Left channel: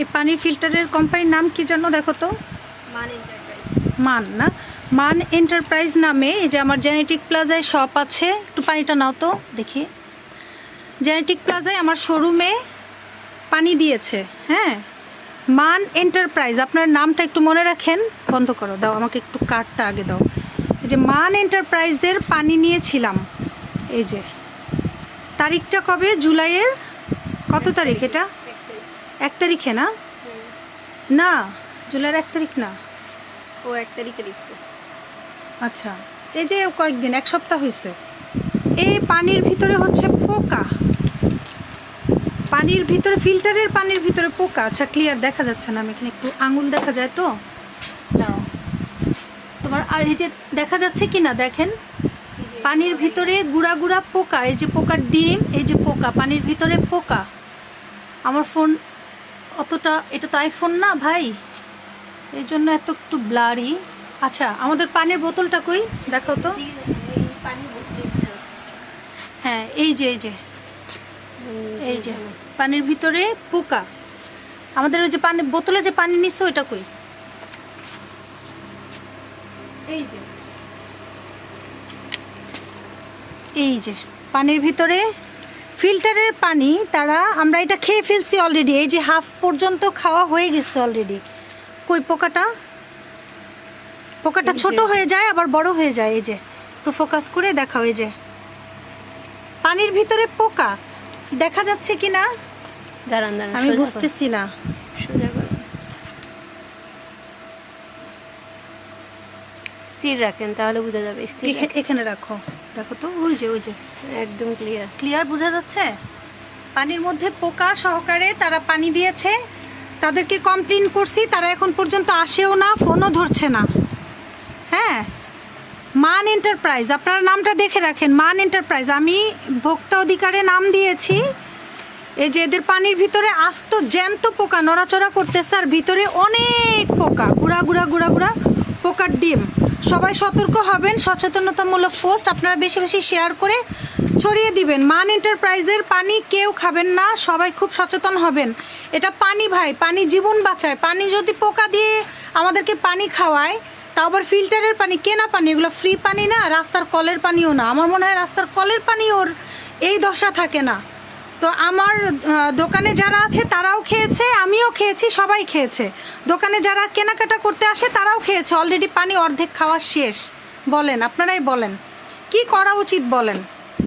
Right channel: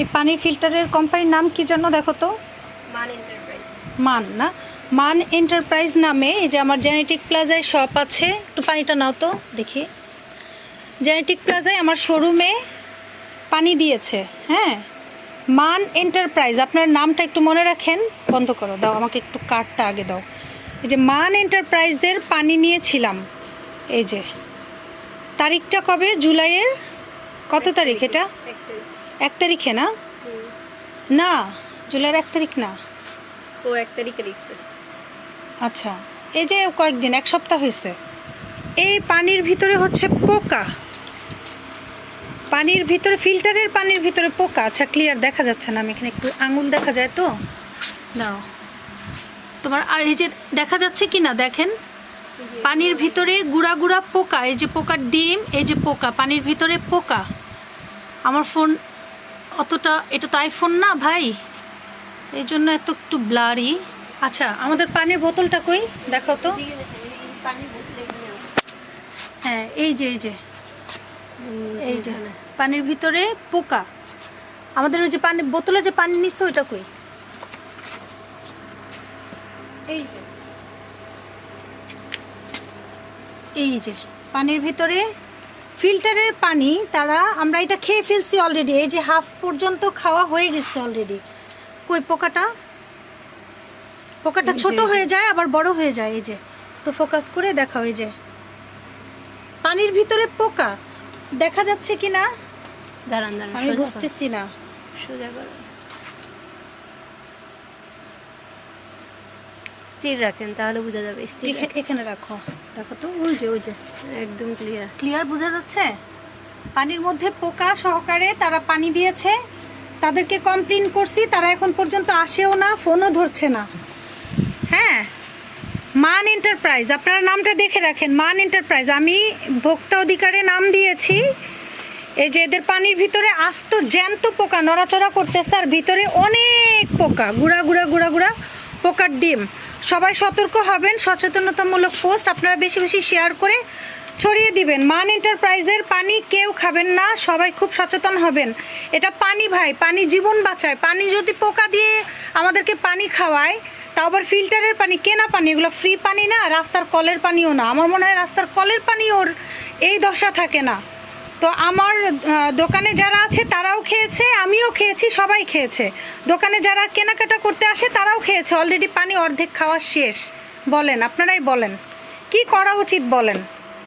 এই পানির ফিল্টারের কোম্পানির নাম কি যেন দেখো তো? মান এন্টারপ্রাইজ। মান না, মান এন্টারপ্রাইজ নামে এই যে আমার জেনেটিক প্লাজায় শপ আছে। একটু পানিটা নাও তো দেখি। জেনেটিক প্লাজায় আমার শোরুমে পানি দিয়েছে। হ্যাঁ, মান এন্টারপ্রাইজ। আপনার নামটা একটু মনে রাখেন। বন্ধ করো, দাও আমাকে একটু কার্ডটা আগে দাও। এই যে মান এন্টারপ্রাইজের পানি নিয়েছিলাম। এই যে তারিখটা কবে? জুলাইয়ের কত তারিখ এটা? 1 তারিখে না? না, জুলাইয়ের 1 তারিখ না। ও 1 তারিখে লিখছে। আচ্ছা, এই যে কয়েকদিন, 1 সপ্তাহ হয়েছে। এই পানির ভিতরে হচ্ছে পোকা, পানির ভিতরে, ফিল্টারের পানির ভিতরে পোকা। আচ্ছা, ক্লিয়ার দেখা যাচ্ছে না, আমি এখানে একটু আঙুল দেখা যায় তো, দাঁড়াও তোমার। আর এই যে দেখা যাচ্ছে কি না দেখেন, পানির ভিতরে গুড়া গুড়া পোকা। এই যে পোকার ডিম, এই যে পোকা, পানির ভিতরে পোকা। আমার ফোন অতটা, এটা তো আইফোন না ভাই, এই জন্য এত একটু ব্লারি। আচ্ছা, আমাদের পানির বোতলটা কই দেখাও তো। এই পানির বোতলে এখানে আছে। হ্যাঁ, এই যে এই যে পানির ভিতরে পোকা। আমাদের ওই যে পানি বোতলে যে পানি নিচ্ছে ওইটা কই? এই যে পানির ভিতরে ফিল্টারের পানি, তারা আমরা এটা খেয়ে ফেলছি অলরেডি। এই যে হাফ পর্যন্ত খাওয়া হয়ে গেছে অলরেডি। কই পোকাটা? পোকাটা ছোট হয়ে যায় আবার বড় হয়ে যায়। এই যে একটু ফোকাস করে দেখাও, এই যে পানির ভিতরে পোকা দেখা যাচ্ছে কি না? দাঁড়ান দাঁড়ান, আমি বুঝতেছি না। সোজা করো, স্থির রাখেন তাহলে বোঝা যাবে। স্থির এখানে রাখো, দেখো তো, ওই যে একদম ক্লিয়ার। ক্লিয়ার বোঝা যাচ্ছে। পানির মধ্যে পোকা সহকারে তারা পানি দিয়েছে। তাদেরকে কমপ্লেন করছি, তারা এখন পর্যন্ত আসেও না, ফোনও ধরছে না। হ্যাঁ, মান এন্টারপ্রাইজ, আপনারা নামটা দেখে রাখেন, মান এন্টারপ্রাইজ। আমি ভোক্তা অধিকারে নাম দিয়েছি। এই যে এদের পানির ভিতরে আস্ত জ্যান্ত পোকা নড়াচড়া করতেছে, আর ভিতরে অনেক পোকা, গুড়া গুড়া গুড়া গুড়া পোকার ডিম। সবাই সতর্ক হবেন, সচেতনতামূলক পোস্ট আপনারা বেশি বেশি শেয়ার করে ছড়িয়ে দিবেন। মান এন্টারপ্রাইজের পানি কেউ খাবেন না, সবাই খুব সচেতন হবেন। এটা পানি ভাই, পানি জীবন বাঁচায়। পানি যদি পোকা দিয়ে আমাদেরকে পানি খাওয়ায়, তাও আবার ফিল্টারের পানি, কেনা পানি, এগুলো ফ্রি পানি না, রাস্তার কলের পানিও না। আমার মনে হয় রাস্তার কলের পানি ওর এই দশা থাকে না। তো আমার দোকানে যারা আছে তারাও খেয়েছে, আমিও খেয়েছি, সবাই খেয়েছে। দোকানে যারা কেনাকাটা করতে আসে তারাও খেয়েছে। অলরেডি পানি অর্ধেক খাওয়া শেষ। বলেন, আপনারাই বলেন কি করা উচিত বলেন।